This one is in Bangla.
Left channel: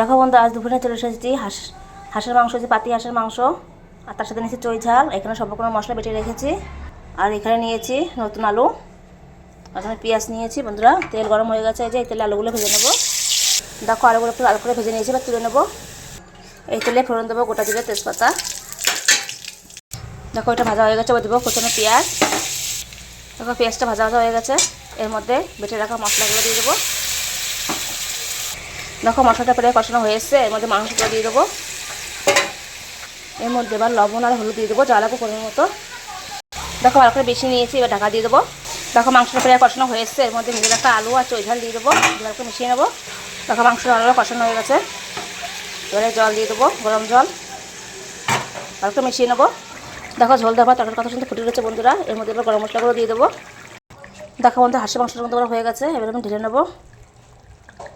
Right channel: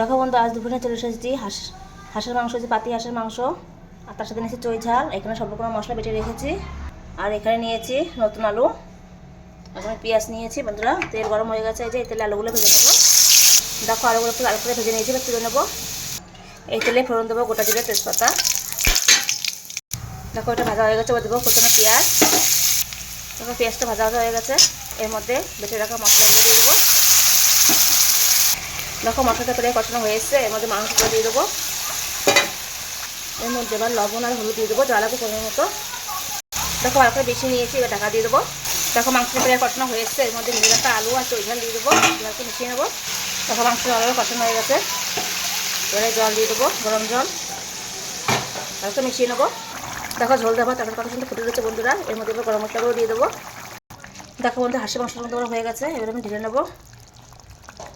দেখো বন্ধু, আজ দুপুরে চলে এসেছি হাঁসের মাংস, যে পাতি হাঁসের মাংস, আর তার সাথে নিয়েছি চই ঝাল। এখানে সব রকমের মশলা বেটে রেখেছি। আর এখানে নিয়েছি নতুন আলু, এখানে পেঁয়াজ নিয়েছি। বন্ধুরা, তেল গরম হয়ে গেছে, এই যে এই তেলে আলুগুলো ভেজে নেবো। দেখো আলুগুলো একটু করে ভেজে নিয়েছি, এবার তুলে নেবো। এই তেলে ফোড়ন দেবো গোটা জিরে, তেজপাতা। দেখো এটা ভাজা হয়ে গেছে, এবার দেবো কুচানো পেঁয়াজ। দেখো পেঁয়াজটা ভাজা হয়ে গেছে, এর মধ্যে বেটে রাখা মশলাগুলো দিয়ে দেবো। দেখো মশলাটা প্রায় কষানো হয়ে এসছে, এর মধ্যে মাংসগুলো দিয়ে দেবো। এর মধ্যে এবার লবণ আর হলুদ দিয়ে দেবো, যা লাগবে পরিমাণ মতো। দেখো ভালো করে বেশি নিয়েছি, এবার ঢাকা দিয়ে দেবো। দেখো মাংসটা প্রায় কষানো হয়ে এসছে, এর মধ্যে ভেজে রাখা আলু আর চই ঝাল দিয়ে দেবো, ভালো মিশিয়ে নেবো। দেখো মাংসটা ভালোভাবে কষানো হয়ে গেছে, এবারে জল দিয়ে দেবো, গরম জল, ভালো করে মিশিয়ে নেবো। দেখো ঝোল দেবো, তরকারি কত সুন্দর ফুটে গেছে বন্ধুরা। এর মধ্যে এবার গরম মশলাগুলো দিয়ে দেবো। দেখো বন্ধু, হাঁসের মাংসের মতো হয়ে গেছে, এবার আমি ঢেলে নেবো।